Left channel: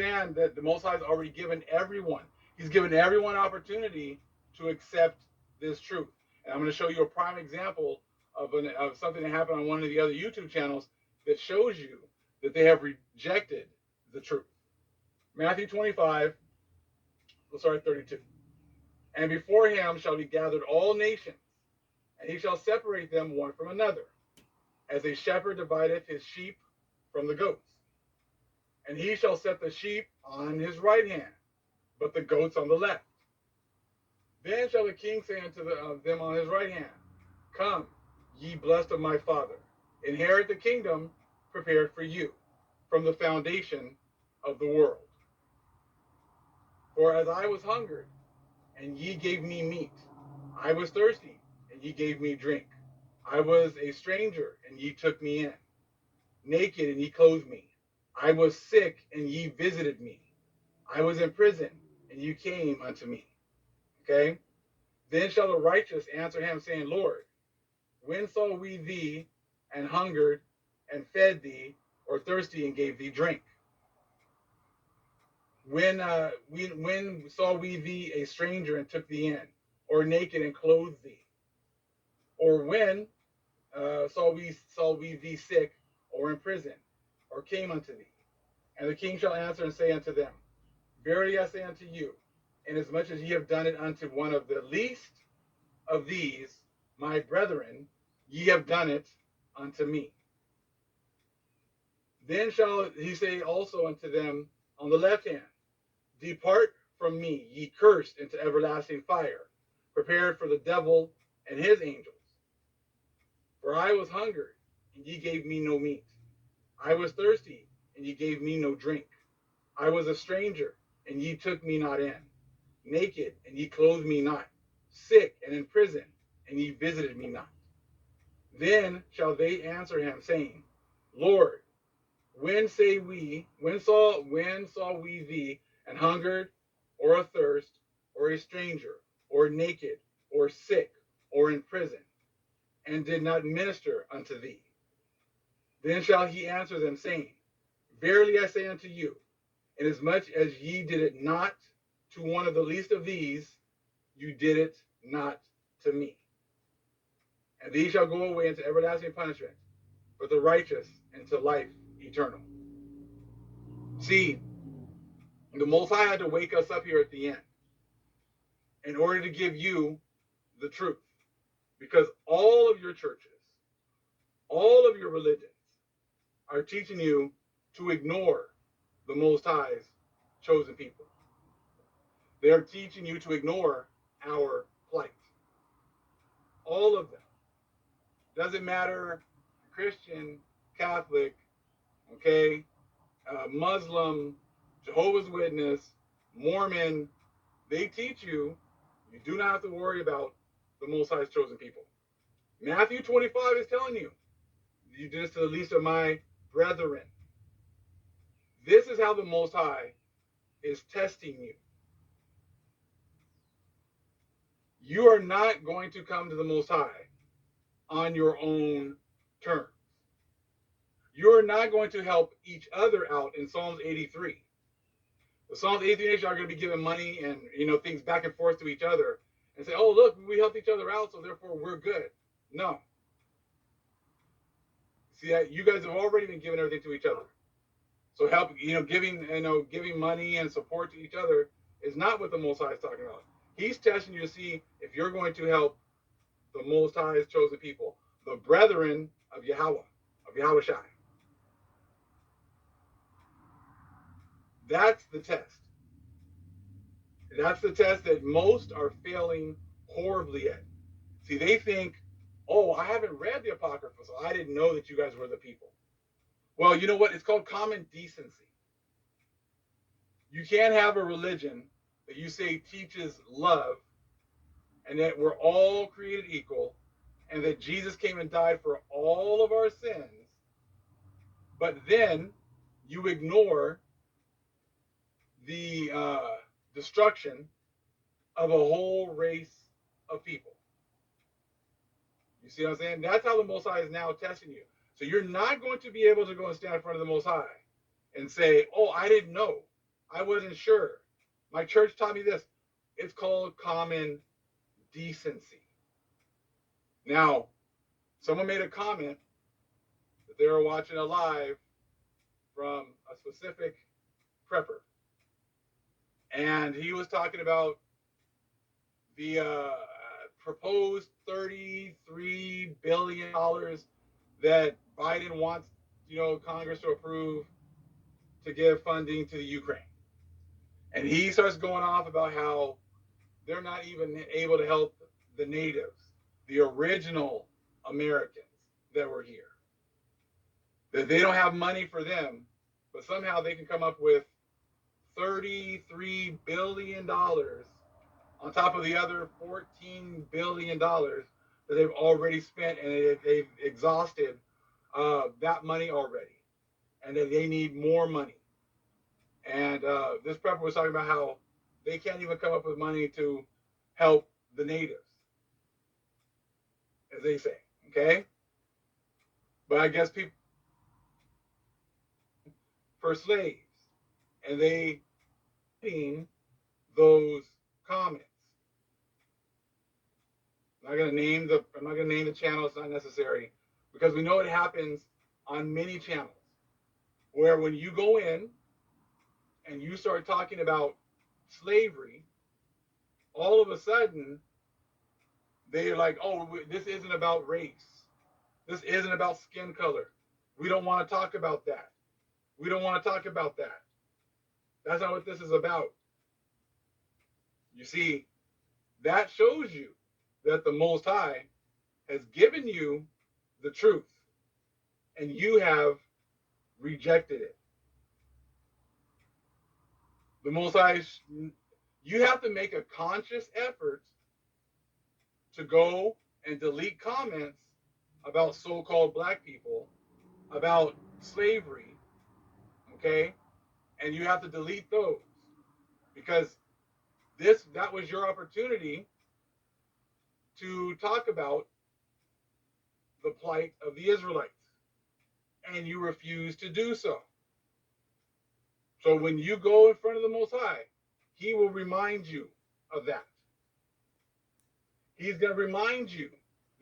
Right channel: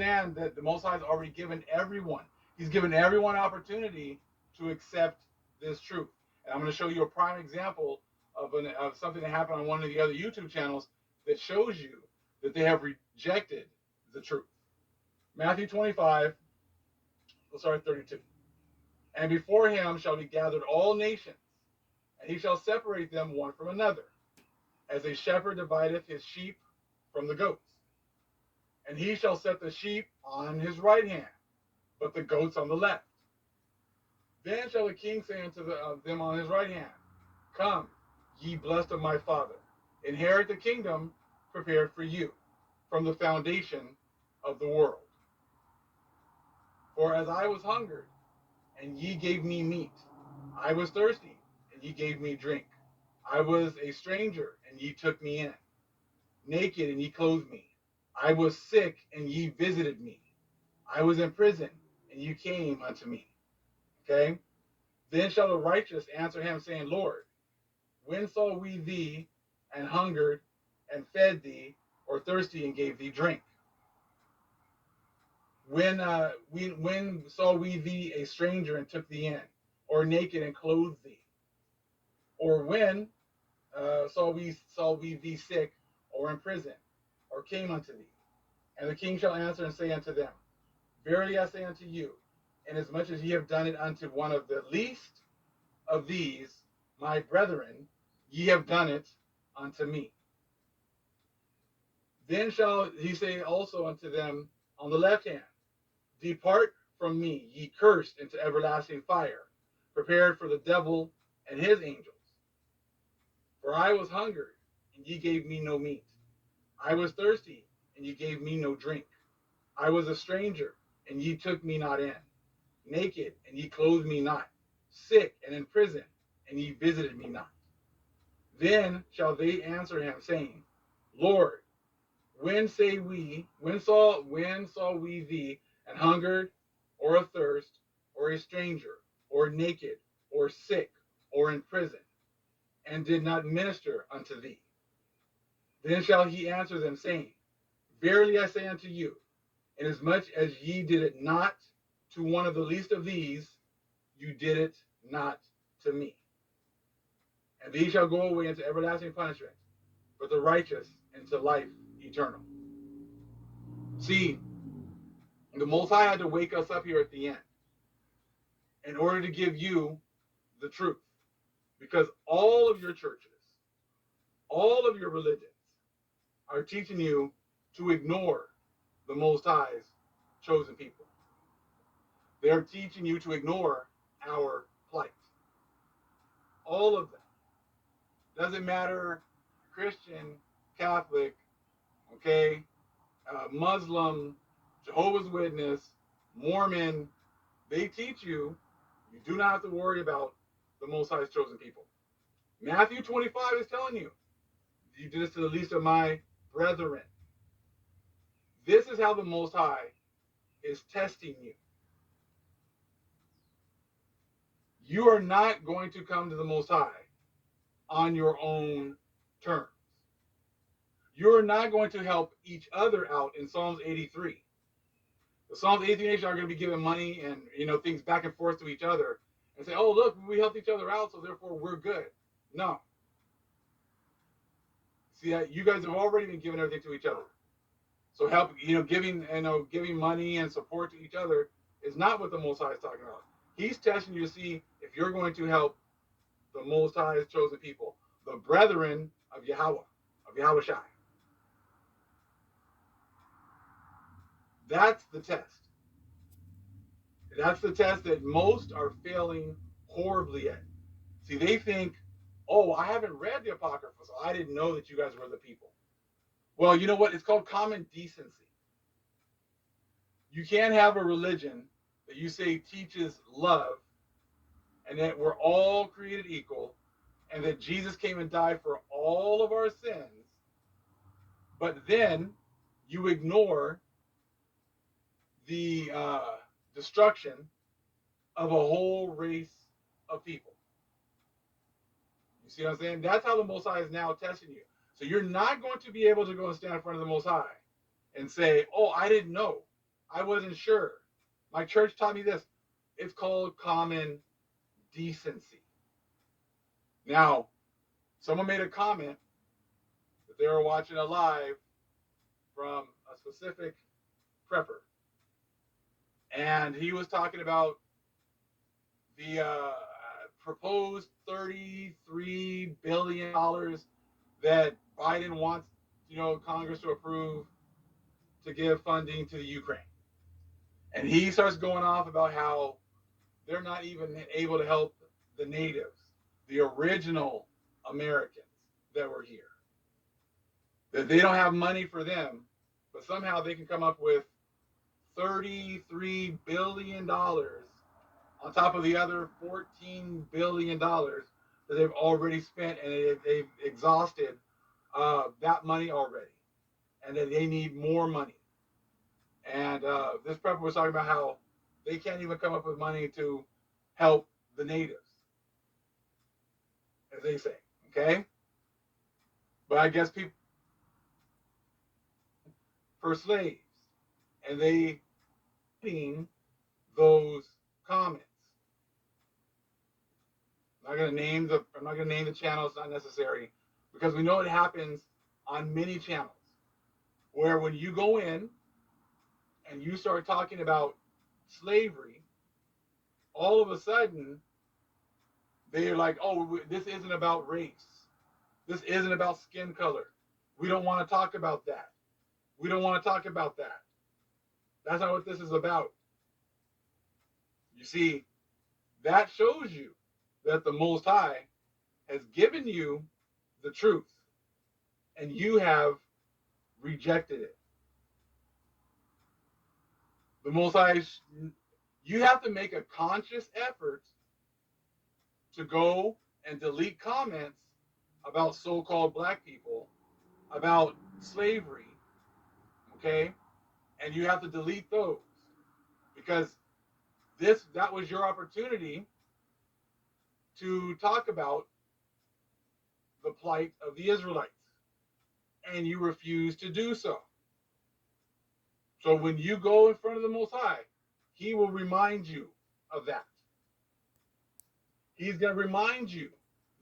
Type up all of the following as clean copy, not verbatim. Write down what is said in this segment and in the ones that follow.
understand that the Most High has already given everyone. He's given everyone opportunity to accept this truth. And I'm going to show you a prime example of something that happened on one of the other YouTube channels that shows you that they have rejected the truth. Matthew 25, we'll start at 32. And before him shall be gathered all nations, and he shall separate them one from another, as a shepherd divideth his sheep from the goats. And he shall set the sheep on his right hand, but the goats on the left. Then shall the king say unto them on his right hand, Come, ye blessed of my Father, inherit the kingdom prepared for you from the foundation of the world. For as I was hungered, and ye gave me meat, I was thirsty, and ye gave me drink. I was a stranger, and ye took me in, naked, and ye clothed me. I was sick, and ye visited me. I was in prison, and you came unto me. Okay? Then shall the righteous answer him, saying, Lord, when saw we thee and hungered and fed thee, or thirsty and gave thee drink? When saw we thee a stranger and took thee in, or naked and clothed thee? Or when saw we thee sick, or in prison, or came unto thee? And the king shall answer and say unto them, Verily I say unto you, inasmuch as ye have done it unto one of the least of these, my brethren, ye have done it unto me. Then shall he say also unto them on the left hand, Depart from me, ye cursed, into everlasting fire, prepared for the devil and his angels. For I was hungered, and ye gave me no meat. I was thirsty, and ye gave me no drink. I was a stranger, and ye took me not in. Naked, and ye clothed me not. Sick and in prison, and ye visited me not. Then shall they answer him, saying, Lord, when saw we thee and hungered, or athirst, or a stranger, or naked, or sick, or in prison, and did not minister unto thee? Then shall he answer them, saying, Verily I say unto you, inasmuch as ye did it not to one of the least of these, you did it not to me. And these shall go away into everlasting punishment, but the righteous into life eternal. See, the Most High had to wake us up here at the end in order to give you the truth. Because all of your churches, all of your religions are teaching you to ignore the Most High's chosen people. They are teaching you to ignore our plight. All of them. Doesn't matter, Christian, Catholic, okay, Muslim, Jehovah's Witness, Mormon, they teach you you do not have to worry about the Most High's chosen people. Matthew 25 is telling you, you did this to the least of my brethren. This is how the Most High is testing you. You are not going to come to the Most High on your own terms. You're not going to help each other out in Psalms 83. The Psalms 83 nation are going to be giving money and things back and forth to each other and say, oh, look, we helped each other out, so therefore we're good. No. See, you guys have already been giving everything to each other. So help, giving money and support to each other is not what the Most High is talking about. He's testing you to see if you're going to help the Most High's chosen people, the brethren of Yahweh, of Yahweh Shai. That's the test. That's the test that most are failing horribly at. See, they think, oh, I haven't read the Apocrypha, so I didn't know that you guys were the people. Well, you know what? It's called common decency. You can't have a religion that you say teaches love and that we're all created equal and that Jesus came and died for all of our sins, but then you ignore the destruction of a whole race of people. You see what I'm saying? That's how the Most High is now testing you. So you're not going to be able to go and stand in front of the Most High and say, oh, I didn't know. I wasn't sure. My church taught me this. It's called common decency. Now, someone made a comment that they were watching a live from a specific prepper, and he was talking about the proposed $33 billion that Biden wants, Congress to approve to give funding to the Ukraine. And he starts going off about how they're not even able to help the natives, the original Americans that were here. That they don't have money for them, but somehow they can come up with $33 billion on top of the other $14 billion that they've already spent, and they've exhausted that money already, and that they need more money. And this prepper was talking about how they can't even come up with money to help the natives, as they say. Okay, but I guess people for slaves, and they seen those comments. I'm not gonna name the channel. It's not necessary because we know it happens on many channels where when you go in and you start talking about slavery, all of a sudden they're like, "Oh, this isn't about race. This isn't about skin color. We don't want to talk about that. We don't want to talk about that. That's not what this is about." You see, that shows you that the Most High has given you the truth and you have rejected it. The Most High, you have to make a conscious effort to go and delete comments about so-called black people, about slavery, okay? And you have to delete those because that was your opportunity to talk about the plight of the Israelites, and you refuse to do so. So when you go in front of the Most High, He will remind you of that. He's going to remind you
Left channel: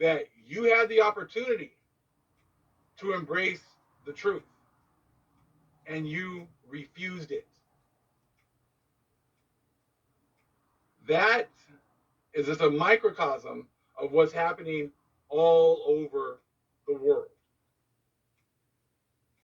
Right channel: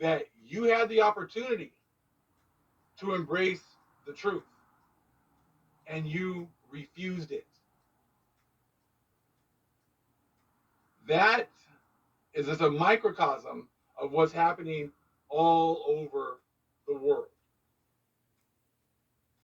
that you had the opportunity to embrace the truth, and you refused it. That is just a microcosm of what's happening all over the world.